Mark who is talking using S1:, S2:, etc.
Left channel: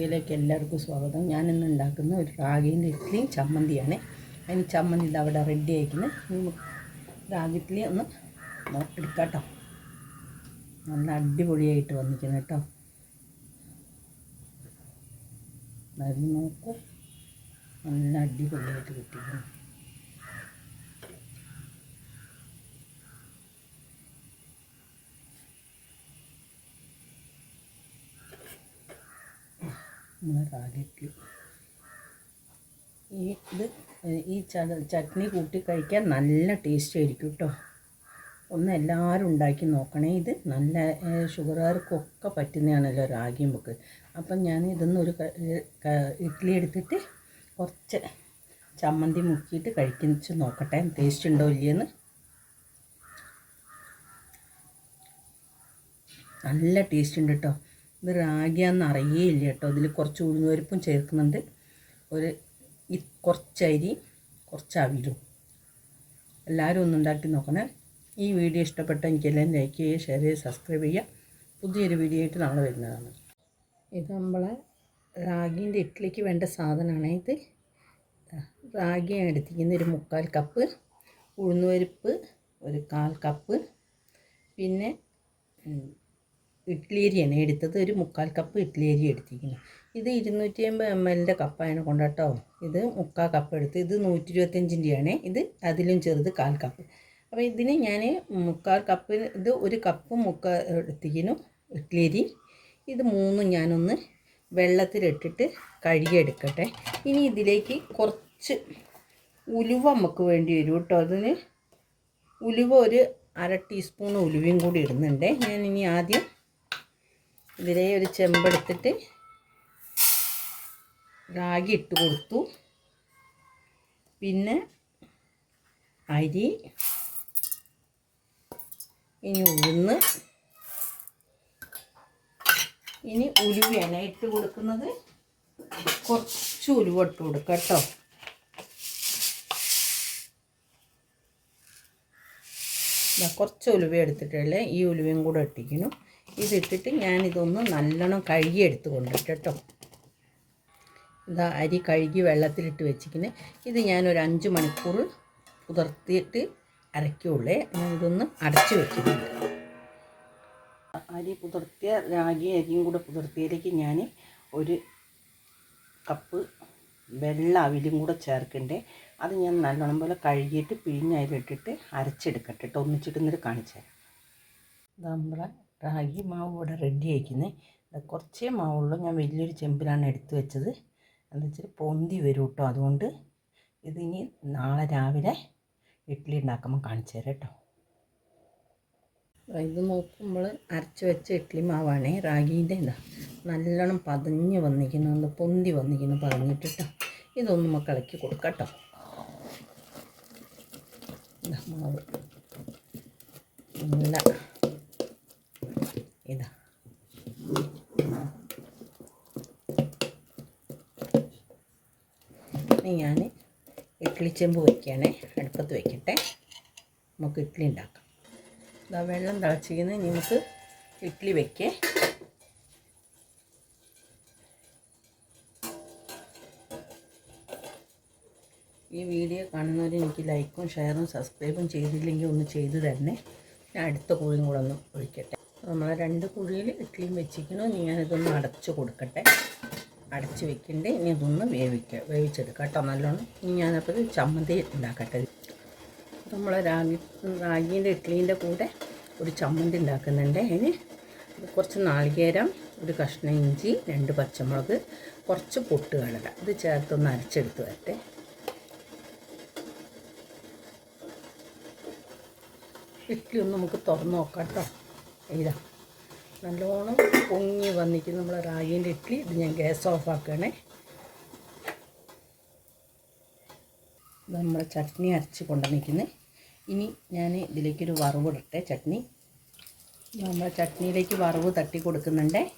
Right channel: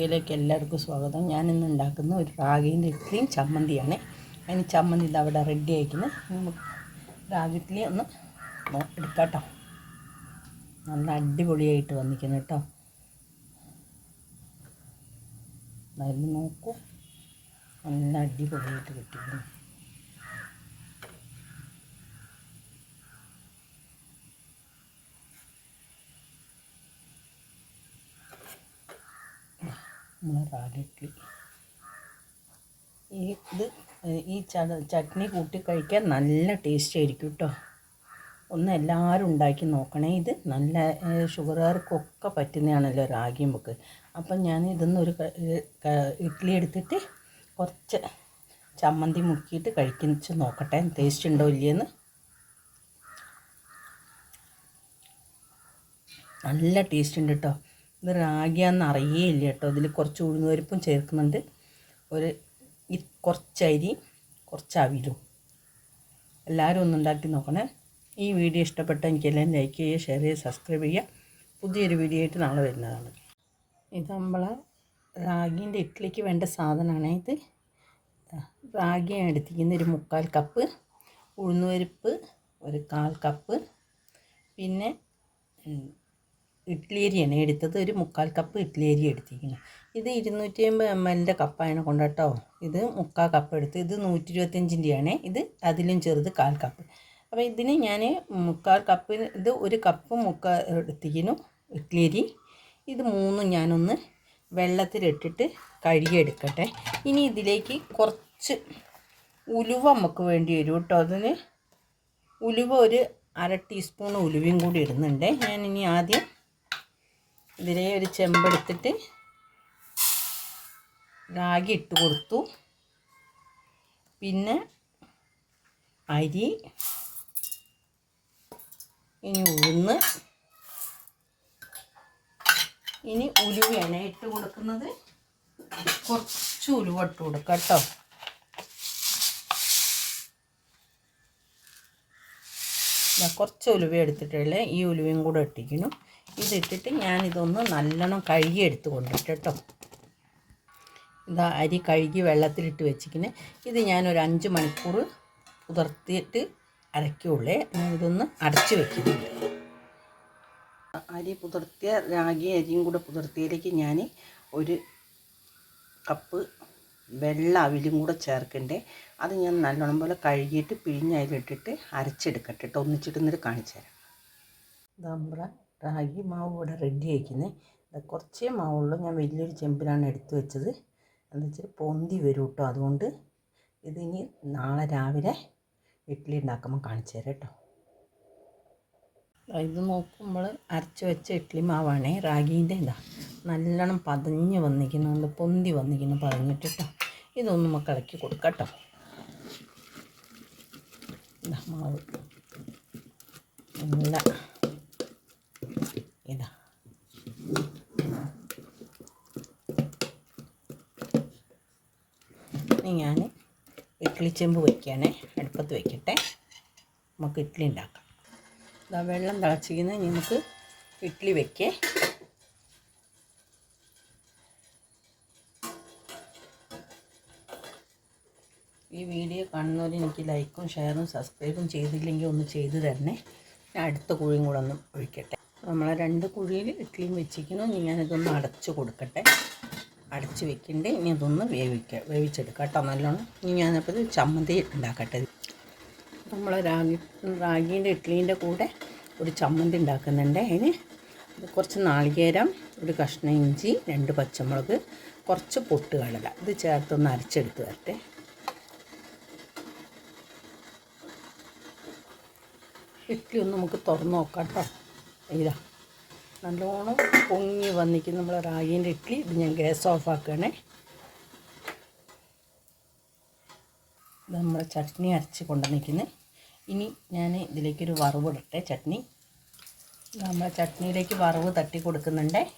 S1: വീഡിയോയിലേക്ക് എല്ലാവർക്കും സ്വാഗതം. ഞാൻ ഇന്ന് ഉണ്ടാക്കുന്ന ഒരു റാഗിന്റെ ഇഡ്ഡലിയും ചമ്മന്തിയാണ്. അതിന് ചമ്മന്തി ഇത് അവിടെ റെഡി ആയിരിക്കുന്നത് റാഗി ഇഡ്ഡലി ഒന്ന് എടുക്കാം കേട്ടോ നല്ല അടിപൊളിയായിട്ട് വന്നിരിക്കുന്നു കേട്ടോ. അത് നോക്കൂ. നല്ല അടിപൊളിയായിട്ട് കിട്ടിയിരിക്കുന്നു. നമ്മളെ റാഗി ഇഡ്ഡലി ഈ ഇത് ഈ ചട്നി കൂട്ടി കഴിക്കാൻ നല്ല ടേസ്റ്റ് ആയിരിക്കും കേട്ടോ ഒന്ന് എല്ലാവരും ഉണ്ടാക്കി നോക്കണേ. ഇത് നല്ല ഷുഗറുകാർക്കൊക്കെ പറ്റുന്നതാണല്ലോ റാഗി മുക്ക് അപ്പം ഞാൻ ഇതൊന്നൊരു ഇഡ്ഡലി എടുത്തിട്ട് കുറച്ച് ചമ്മന്തി മുക്കിയിട്ട് കഴിക്കുന്ന നോക്കട്ടെ ടേസ്റ്റ് ഉണ്ടോ ഇല്ലയെന്ന്. നല്ല ടേസ്റ്റ് ഉണ്ട് കേട്ടോ ഇത് റാഗിയാന്ന് അറിയേയില്ല കേട്ടോ ഇതിൽ കുറച്ച് ഉഴുന്നുപരിപ്പും ചേർക്കുന്നുണ്ട്. ഒരു കുറച്ച് അരി കുറച്ച് അവിലും എല്ലാവരും ഒന്ന് ഉണ്ടാക്കി നോക്കണേ. ഈ വീഡിയോ ഇഷ്ടപ്പെട്ട എനിക്കെല്ലാം ലൈക്ക് ചെയ്യുക ഷെയർ ചെയ്യുക സബ്സ്ക്രൈബ് ചെയ്യുക. പുതിയൊരു വീഡിയോ ആയിട്ട് നാളെ വരുന്നതാണ്. ഇത് നമ്മളെ റാഗീന്റെ ഇഡ്ഡലിക്ക് വേണ്ട സാധനമാണ് ഇത്. റാഗിയാണ് എടുത്തിരിക്കുന്നത് ഒരു മുക്കാൽ കപ്പ് ഉഴുന്നുപരിപ്പ് ഒരു കാൽ കപ്പ് പിന്നെ അരിയാണ്. എടുത്തത് ഒരു മുക്കാൽ കപ്പ് ഇഡ്ഡലി അരി എടുത്തിരിക്കുന്നത് ഇത് ഇരുന്നൂറ്റി അമ്പത് എം എല്ലിന്റെ കപ്പാണ് കൊണ്ട് കേട്ടോ ഇത് മുക്കാൽ കപ്പ് എടുത്ത് ഇത് നൂറ്റി ഇരുപത്തഞ്ചിന്റെയാണ് ഇത് അതിലും ചെറുത് കാൽ കപ്പ് അപ്പോൾ ഇതിന് ഞാൻ മുക്കാൽ കപ്പ് ഇത് ഒരു കപ്പ് മുക്കാൽ എടുത്തിരിക്കുന്നു ഇഡ്ഡലി അരി. ഇത് മൂന്നും ഞാനൊന്ന് വെള്ളത്തിലിട്ടിട്ട് കഴുകിയെടുക്കട്ടെ. ഇനി ഇതിലേക്ക് കുറച്ച് ഉലുവ നമുക്ക് വേണ്ടി വരും കേട്ടോ. അതിന് ഉലുവ ഒരു അര ടീസ്പൂൺ ഉലുവയും കൂടി ഇടുന്നുണ്ട്. ഞാൻ ഇനി ആദ്യം ഇതിലെ ഒരു ചെമ്പെടുത്തിട്ട് റാഗി ഇട്ട് കൊടുത്തു. പിന്നെ അരി ഇനി ഉഴുന്ന് ഇനി ഉലുവയാണ് ഇട്ട് കൊടുക്കുന്നത്. കുറച്ച് ഉലുവ ഇട്ട് കൊടുക്കുക കേട്ടോ. കുറച്ച് ഉലുവ എടുത്തിട്ടല്ലേ ഈ ഉലുവയും കൂടെ ഇട്ടിക്കുന്നു ഇതിട്ടിട്ട് ഞാനിതൊന്ന് നല്ലോണം കഴുകി എടുത്ത് കൊണ്ടിട്ട് കേട്ടോ ഇതാ അരി കഴുകി വെള്ളത്തിലിട്ട് വെച്ചിങ്ങനെ ഇത് ഞാനൊരു അഞ്ച് മണിക്കൂർ പുതിർത്തിയിട്ട് അരയ്ക്കുള്ളേ. ഇതൊന്ന് അടച്ചു വെക്കുന്നുണ്ട്. അരി പുതിർത്തിയ രാഗി അരിയും കൂടെ പുതിർത്തിയതിലേക്ക് ഞാൻ ഒരു കപ്പ് വെള്ള അവിലും കൂടെ ചേർക്കണ്ടേ. അത് ഞാൻ നല്ലോണം പോലെ കഴുകിയിട്ട് പിഴിഞ്ഞ് അതിലിട്ടിട്ട് അരച്ചെടുക്കട്ടെ കേട്ടോ ഒന്നിച്ചിട്ട് എന്നിട്ട് കാണിച്ചു തരാം. നമ്മളെ റാഗി മാവ് ഇവിടെ റെഡി ആയിരിക്കുന്നത് കുറച്ചേ മാവുള്ളൂ. ഞാൻ വലിയൊരു ചെമ്പിലാണ് എടുത്തു വെച്ചത്. എന്താ വെച്ചാൽ പൊന്തി വരും കേട്ടോ അതുകൊണ്ട് ഇതിനി നാളെ രാവിലെ ഇഡ്ഡലി ഉണ്ടാക്കുമ്പോൾ കാണിച്ചു തരാം കേട്ടോ ഇത് നോക്കുമ്പോൾ അരച്ച് വെച്ച ഇഡ്ഡലി മാവാണ്. റാഗീന്റെ ഇതാ നല്ലോണം പതഞ്ഞ് വന്നിരിക്കുന്നു. പൊന്തി വന്നിരിക്കുന്നു. പറഞ്ഞിട്ട് കേട്ടോ ഇതൊന്ന് നമുക്ക് ഇളക്കി കൊടുക്കാം മാവ്. നല്ല ഇതാ ഇനി ഞാൻ ഇഡ്ഡലി ചെമ്പ് വയ്ക്കുകയാണേ അടുപ്പത്ത് വയ്ക്കട്ടെ നമുക്ക് ഇഡ്ഡലി ഉണ്ടാക്കാം. ഇതാ വെള്ളം തിളച്ചിരിക്കുന്ന നമുക്ക് ഇഡ്ഡലി വെക്കേ. ഈ വീഡിയോ കാണുന്നവർ എനിക്ക് ലൈക്കും ഷെയറും സബ്സ്ക്രൈബും ചെയ്തില്ലെങ്കിൽ ഒന്ന് ചെയ്തു തരണേ. ഞാൻ അടുത്ത കുഴിയും കൂടെ ഒന്ന് ഒഴിക്കട്ടെ. നമ്മളെ രണ്ട് കുഴിയിൽ ഇഡ്ഡലിയും വെച്ചിരിക്കുന്നു. ഞാനിതൊന്ന് അടച്ചു കൊടുക്കട്ടെ. അടച്ച് വെക്കണ്ടേ. ഇനി അതൊന്ന് വേവിക്കുക വേവിച്ചെടുക്കുക കേട്ടോ നല്ലോണം. ഇനി ഞാനപ്പോൾ ഇത് ചമ്മന്തി ഉണ്ടാക്കട്ടെ. നമ്മൾ രാഗി റാഗീന്റെ ഇഡ്ഡലീന്റെ കൂടെ ഒരു ചമ്മന്തി ഉണ്ടാക്കുന്നുണ്ട്. അതിന് കുറച്ച് നാളികേരം ഒരു കഷ്ണം ഇഞ്ചി രണ്ട് പച്ചമുളക് കുറച്ച് പൊട്ട് കടല. ഇത് ചേർത്തൊന്ന് അരച്ചെടുത്ത് വരട്ടെ. ഇഡ്ഡലി ഒന്ന് നമുക്ക് തുറന്ന് നോക്കാം കേട്ടോ. ഇതാ. നല്ലോണം പൊങ്ങി വന്നിരിക്കും നമ്മളെ റാഗീന്റെ ഇഡ്ഡലി ഇത് ഞാൻ ഗ്യാസ് ഓഫ് ആക്കുകയാണേ. ഇത് നമ്മളെ ചട്നി അരച്ച് കൊണ്ടുവന്നിരിക്കുന്നത് ഇനി ഞാൻ ഇതിലേക്കൊരു വറവ് ഇടട്ടെ. ചട്നി. നമ്മൾ ചട്നിയിലേക്ക് വറവ് തട്ടി കൊടുക്കുന്നുണ്ടേ.